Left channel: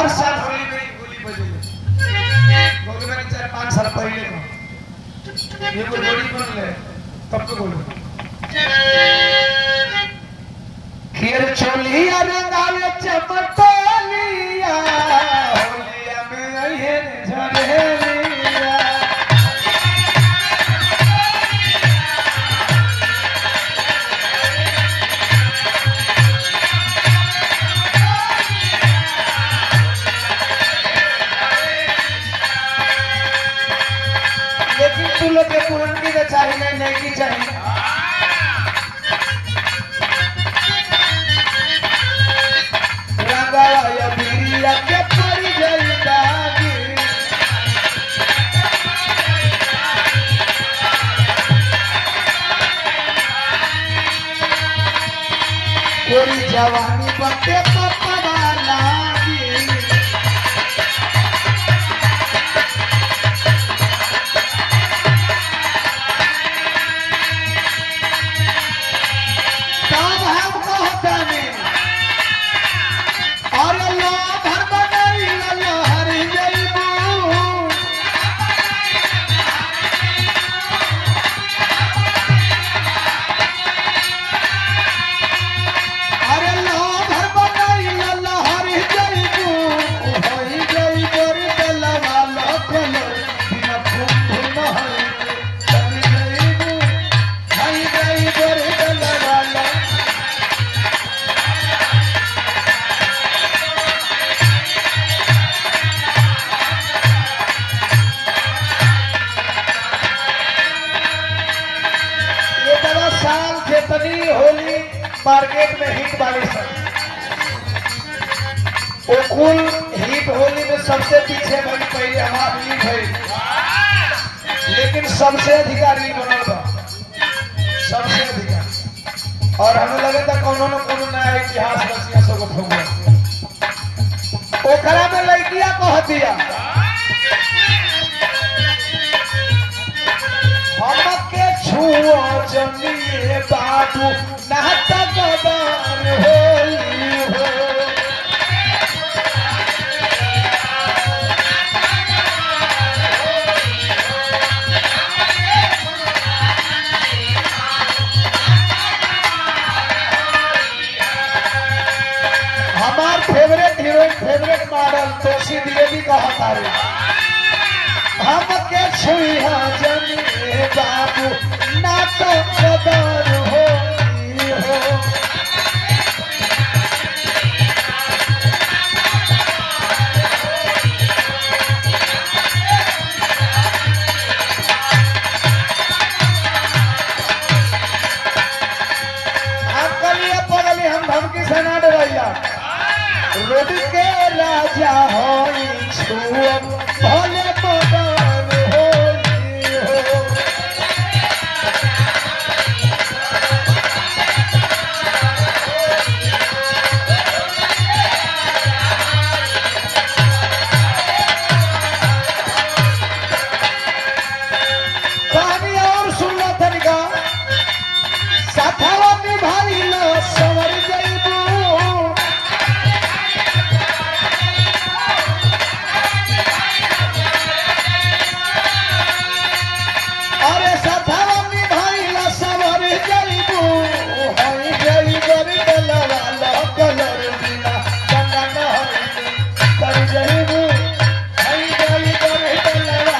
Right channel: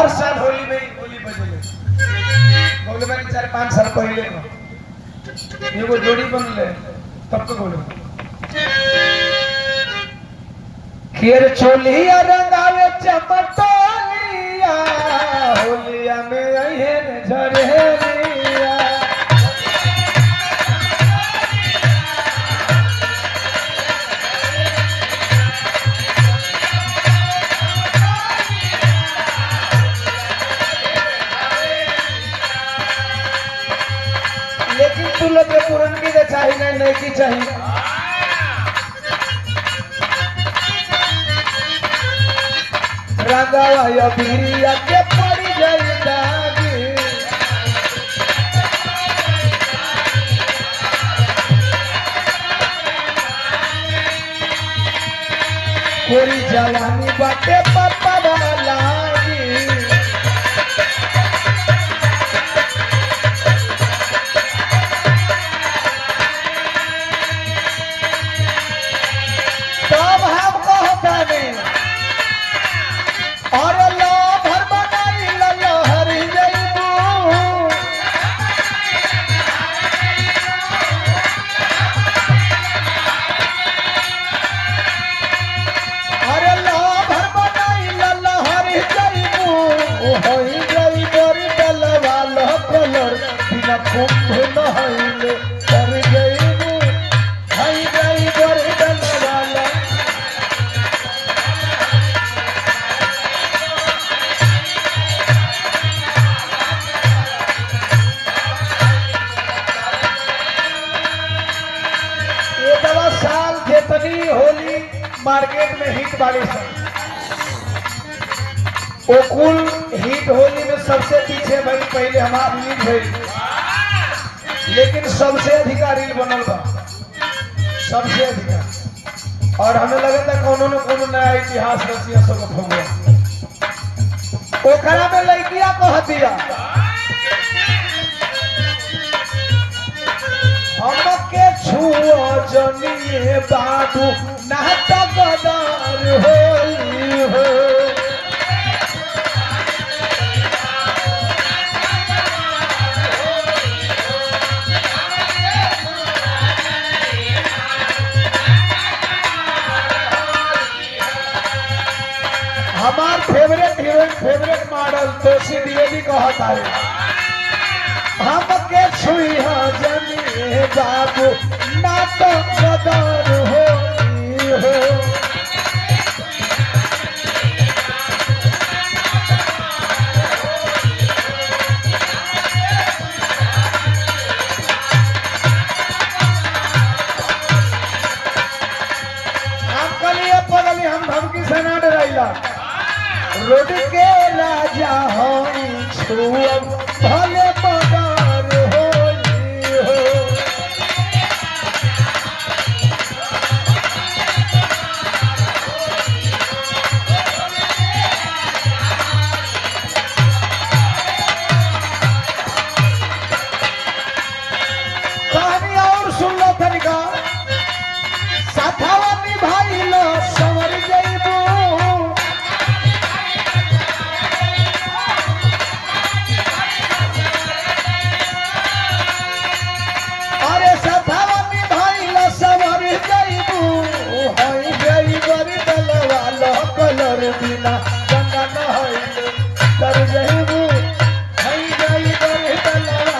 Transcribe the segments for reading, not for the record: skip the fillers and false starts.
हर साल होली में होली बजेले बोले मैंने 4-5 साल पहले को एगो जोड़ी बनले तब तो बोले खेर चोलिया रंगावे चमटोलिया होलिया में अहेन झरेलिया लेकिन तू लोग के पुरानी के चाहिए नहीं की चाहिए रंगाया बिरिया के पड़ी जाई दागी कोई जवानी बाटे पापा लागी तब हम कहता नहीं और लहर बनाई लहरी जइबू और लहर बनाई लहरी जइबू होई जई बर दलवा लहर बिना कुंभ न होइले कर जइबू होई जई बर दलवा साल जितनी होली मार्केट में हिट वाले वो कुल हिट होली में सबसे पीछे भाई पहले हमारा रील भाई लेकिन सबसे अधिका रील बनल बा सबसे अधिका और हमें लगे था कोनो न कोनो नया इतिहास रचिया सब खोगे ओकरा में लड़किया कह दिया हमके छुओ जनिए बाबू नात गदार होली हो हमार फेवरेट हीरोइन फेवरेट मॉडल दोषी देवी कहता है हमके छुई जनिए बाबू नात गदार होली हो हम धमकी से ना डराइला रोड के राजा होई छो भले पगार होली हो कहानी और सुन लो तनिका साथवा निभाई लो सवर जइबू अरे साथवा निभाई लो सवर जइबू होई जई बर दलवा लो कलर बिना रंगना होई कर जइबू होई जई बर दलवा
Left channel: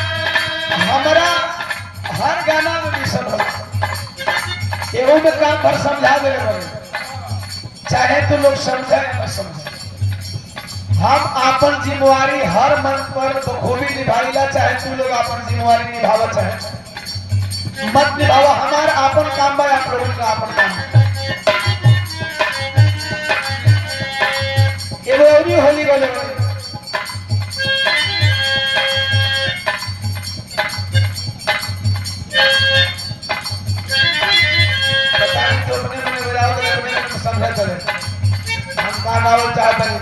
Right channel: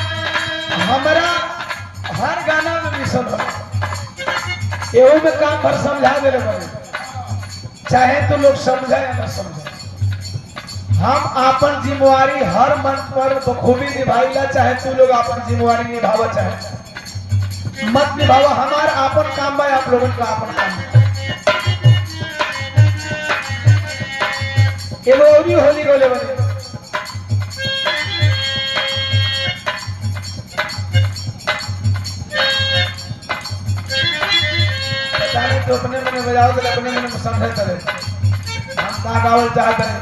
हमारा हर गाना में मिशन हो एहू में काम कर समझा दे चाहे तू लोग समझे या न समझे हम अपन जिम्मेवारी हर मंच पर बखूबी निभाईला चाहे तू लोग अपन जिम्मेवारी निभावा चाहे मत निभावा हमारा अपन काम में आप लोगों का अपन काम एगो अवधि होली का लेवल तो अपने मन बजाओ तो अपने मन समझे चले हम कहाँ गावल चाहते हैं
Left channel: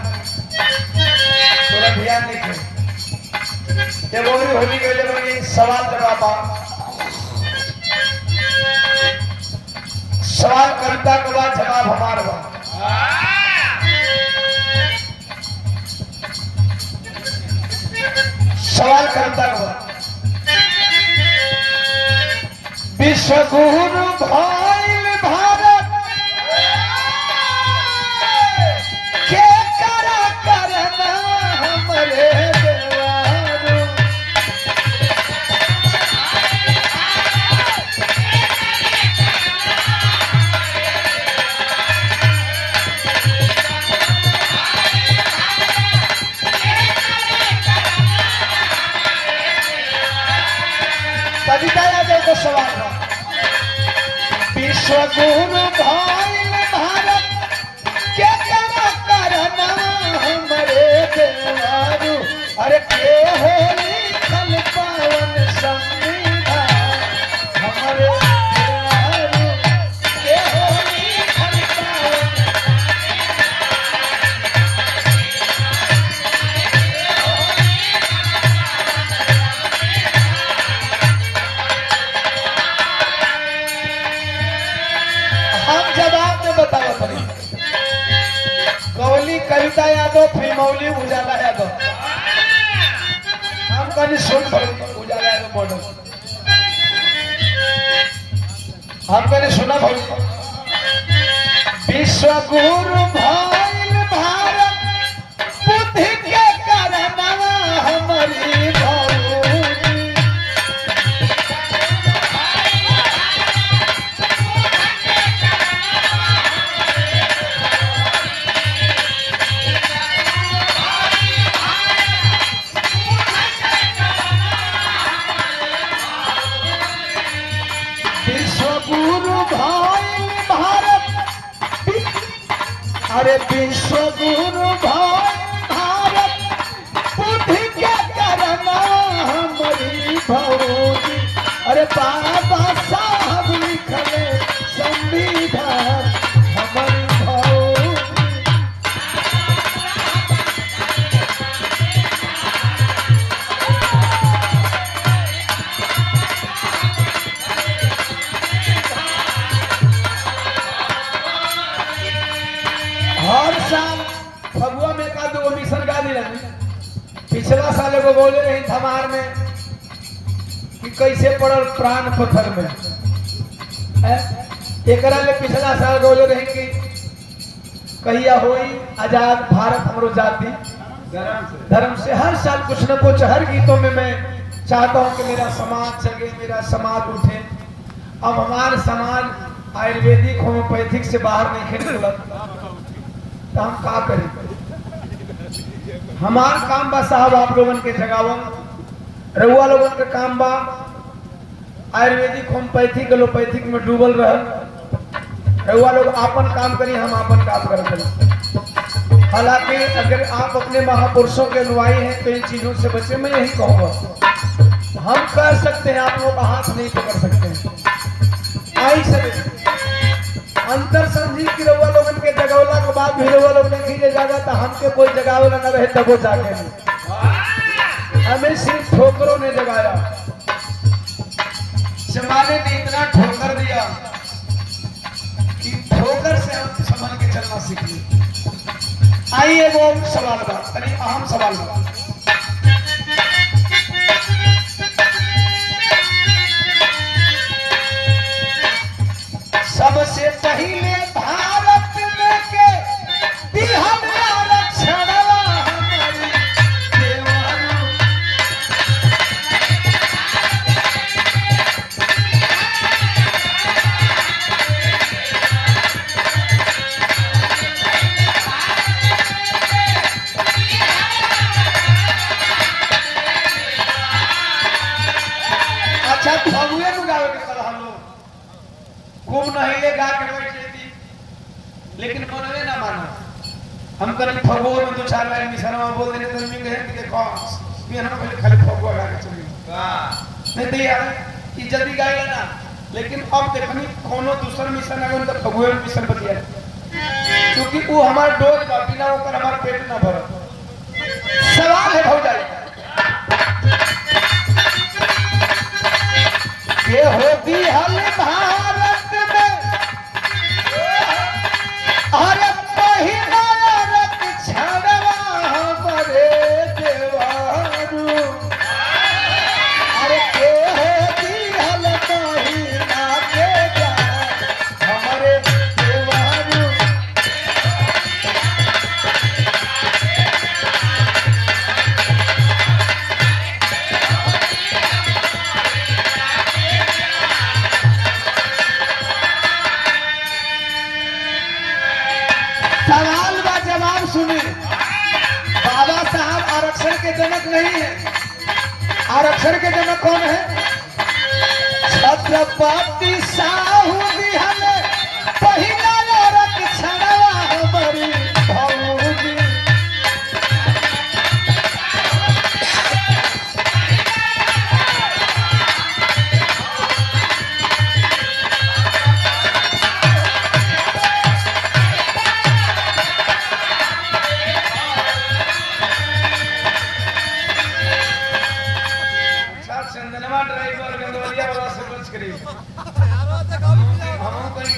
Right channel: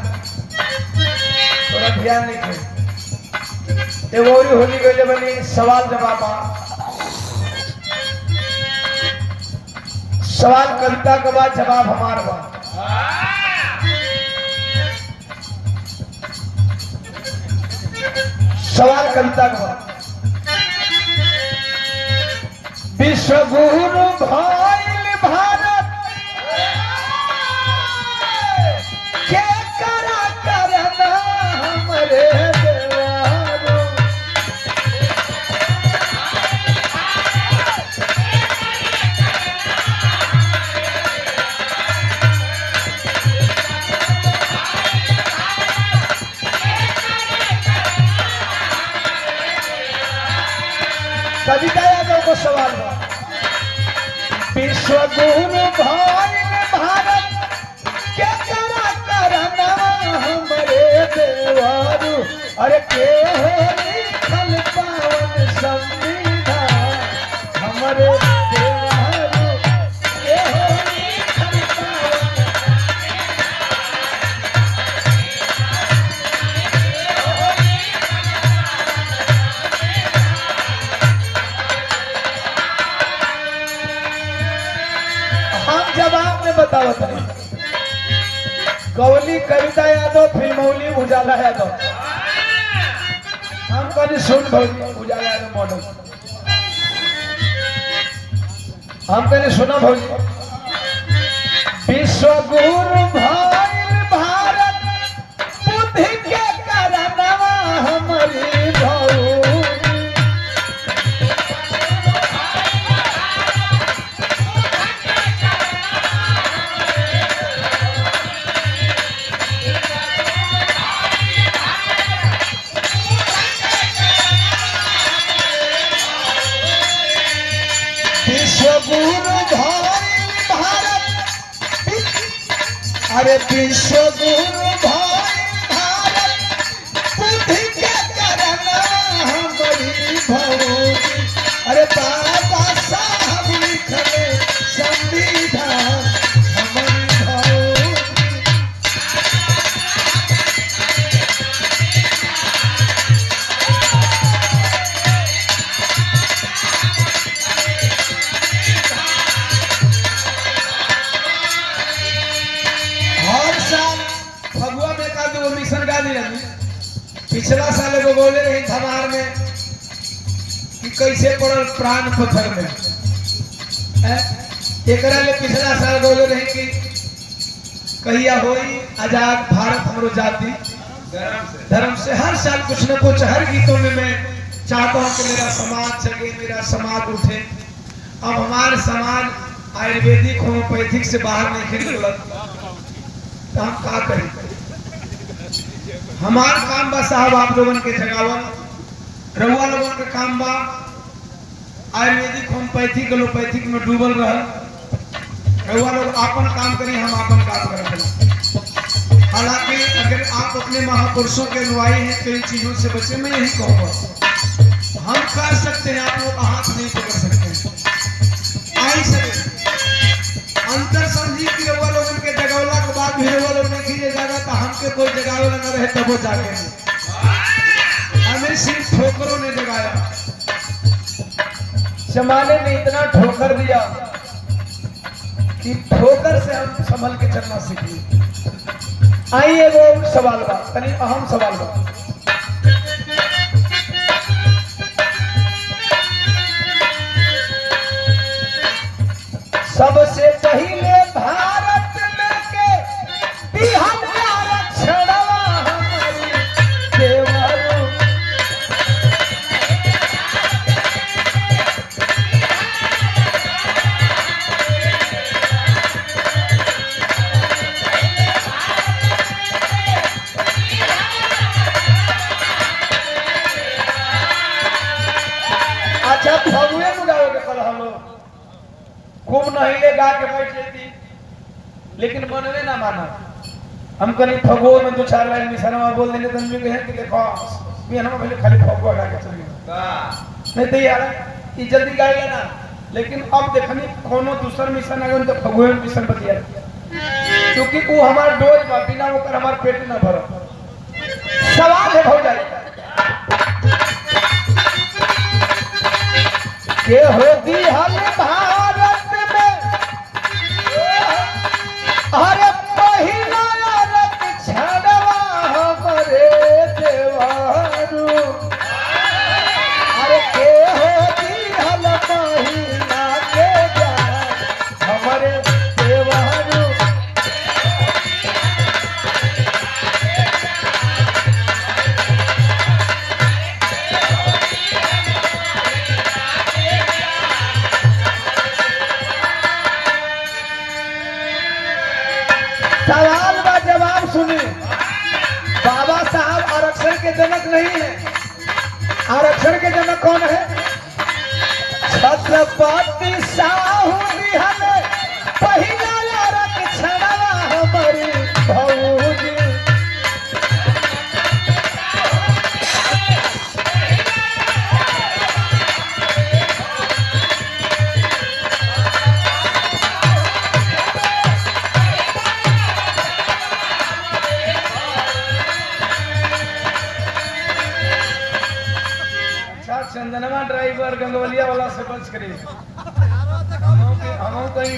थोड़ा ध्यान नहीं ये मोरी होली गले बनी सवाल जवाब सवाल कविता के बाद जवाब हमारा बा सवाल कविता के बाद विश्व गुरु भइल भारत के करा करना हमरे कविता याद को सवाल विश्व गुरु भइल भारत के करा करना हमरे देवारू अरे के होली खल पावन संविधान हमरे देवारू के होली खल हम जवाब में बतावत रही गौली कविता यादव फिल्मौली उजाला यादव हम कभी सुन भौली उजाला यादव बोलो हम कभी सुना भौली विश्व गुरु भइल भारत बुद्धि के करनवा हमारी भौली विश्व गुरु भइल भारत अरे विश्व गुरु भइल भारत बुद्धि के करना हमारी भौजी अरे बाबा साहब लिखले संविधान हमारी भौजी हर साल फगुआ में का दो मिशन गा दिला पिछला साल एगो बोले रही धमार में कि कैसे पड़ल प्राण पत्थर में एकरा ले पिछला साल बोले रही कि कहिया होई आजाद भारत हमरो जाति धर्म से हर साल कुछ न कुछ हर गीतों में मैं चाहता हूं कि मेरा समाज जगे मेरा समाज उठे अब हमारे समाज आयुर्वेदिक होम्योपैथिक से बाहर नहीं निकलत तो हम का करें हमार काम बा साहब आप लोगन के जगावन रउआ लोगन के काम बा आयुर्वेदिक होम्योपैथिक एलोपैथिक में डूबल रह रउआ लोग आपन काम करी हम आपन काम करते हालांकि अगर आप अपने महापुरुषों के अनुयायी हैं तो इन चीजों से बचे मैं यही कहूँगा हम कर सकते हैं आप लोग का हाथ नहीं पकड़ सकते हैं आई से अंतर समझी कि रउआ लोगन के जगौला के बाद भी रउआ लोग नहीं खींचे जाएगा तो हमके कोई जगावे लगा रहे तब वो जाके नहीं हमें सिर्फ ठोकरों ने जगाया जमाने ने इतना ठोकर दिया कि ठोकर से हम संभल के चलना सीख ली आइए वो सवाल बा कहीं अहम सवाल बा सबसे पहले भारत में के बिहार आरक्षण देवरो अच्छा फगुए में गावे के पड़ा हम लोग खूब नहिले गा के बैठ जाती लेकिन मनवे ना माना हम कहीं फगुओ में दो चार लाइन मिसनवा बोल देने तो मैं कहे कि देखो मैं हम पहले खाली फगुआ गा के चली नहीं तो यार कि जल्दी गाएगा ना लेकिन अब देखनी कोनो दूसरा मिशन आगे तो फगुए में मिशन बतिया क्योंकि वो हमार डोज बिना होकर हमार पेट ना भर सवाल है भौजाई के होती हल भारत में अरे पहिला रत छड़वा हमरे देवारू अरे के होती हल पहिला के जान हमरे देवारू सवाल व जवाब सुनिए। बाबा साहब आरक्षण के जनक नहीं है। आरक्षण के जनक कौन है? छत्रपति साहू बिहाने पहिला आरक्षणवा हमारी भौजी चंदनवा ड्राइवर गंगवलिया वाला से बच करिए। हम कहीं